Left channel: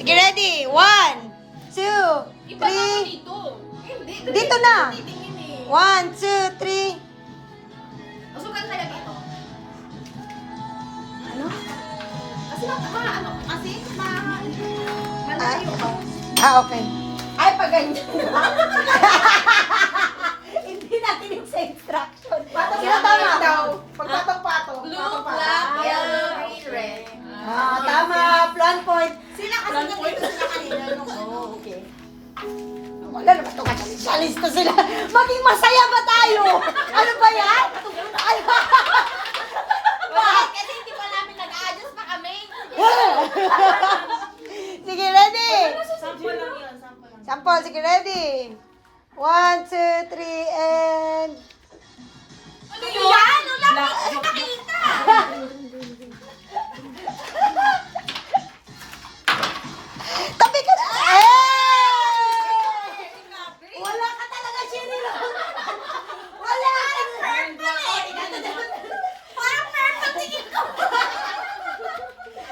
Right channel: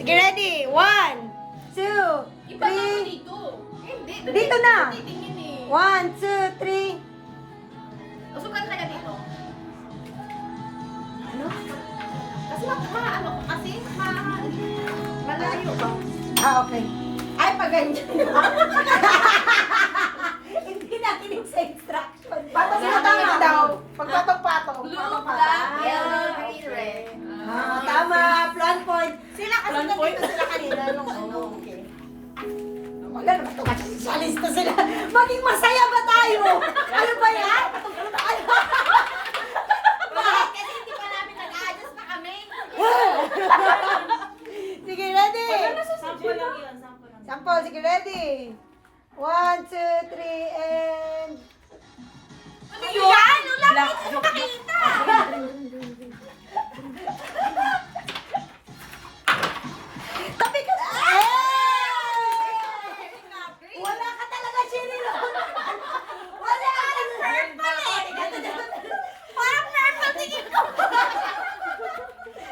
Sige, ready? 1, 2, 3. Dito na. 1, 2, 3. Usukan kaya dito. Ano? Kasi malayo ka. Okay. Ay, pag ganyan. Hindi nakinig sa instruction. Patong-patong daw. Pagpatong-patong. Blue, black, yellow, green, red. Tama. Plan point. Sila kasi nandito sila kanina nung ano. Okay. Wala naman ito kasi sialista sila. Maging masaya ba tayo? Ano ba yan? Ano ba? Bakit? Kasi hindi pa namin nag-a-adjust pa kami. Sige, ready? Sample lang yun. Sample, sige, ready? 1, 2, 3, and... Ano yan? Wala ko hindi nakita. Tabi ka na! Wala ka talaga, Chinilo! Wala ka! Parang purple tingin ko.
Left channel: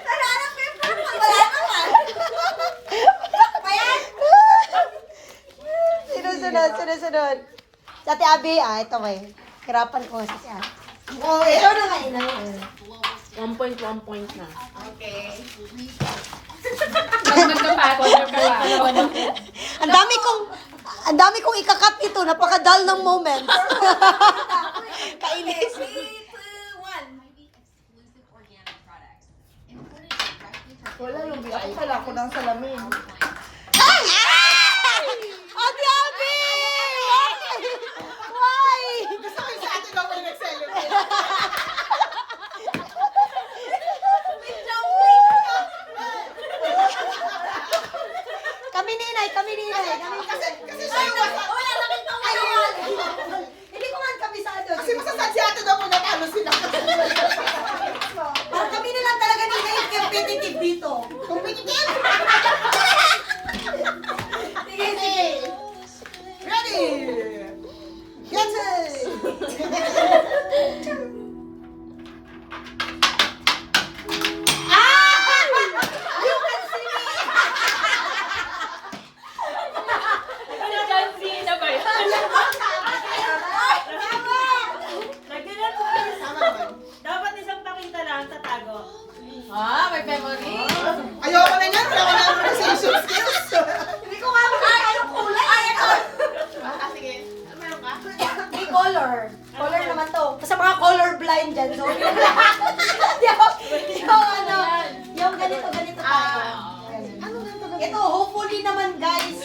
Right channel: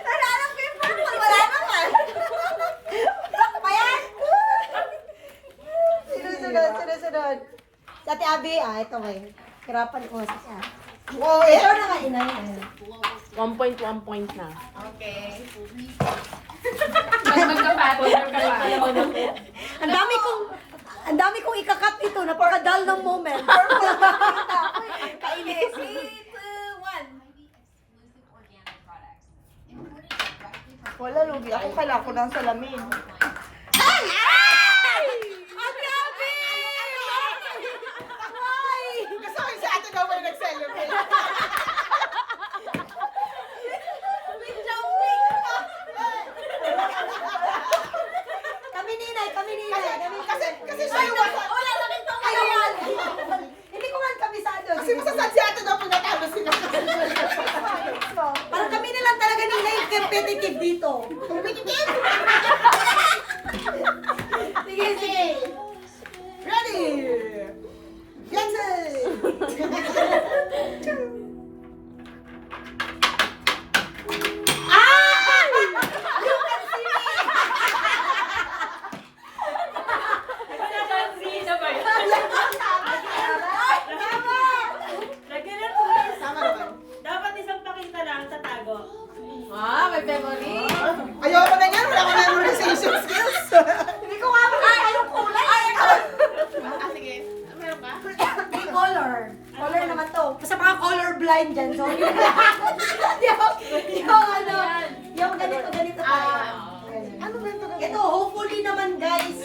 Wala nang purple. Wala naman. Pa yan? Sunod. Sa Ate Abby, ito eh. Hirapan ko siya. Oo, ito na nga, inay. 1 point na. Okay. Ang dami kong ikakat ito. Napaka-dull ng moment. Kainis. 3, 2, 1. Wala, lugi. Ako pala ako ng salamin. Ay! Ate Abby! Why? Gusto ko yung sa atin daw may nag-celebrate. Kami ninay. Kasi siya yung wasa. Wala na rin itong Ay, kawan. hindi ko man kabisado. Kasi masasad si ate daw po natalo sila. Parang kami na lang talaga nila yung competitive dito. Competitive! Sige. Ready! Get it! You can see me! Tama naman. Dapat isang pakita lang, tatago. May memory. Ayoko na yan. Wala ka na memorization skills. Hindi ko nga makita yung kulay. Ay, ito. Sige. Meron ka? Hindi color. Color naman to. Sa mga color blind dyan. So, yung ganito tayo. Ano ba ito? Ito, hopefully naman guys,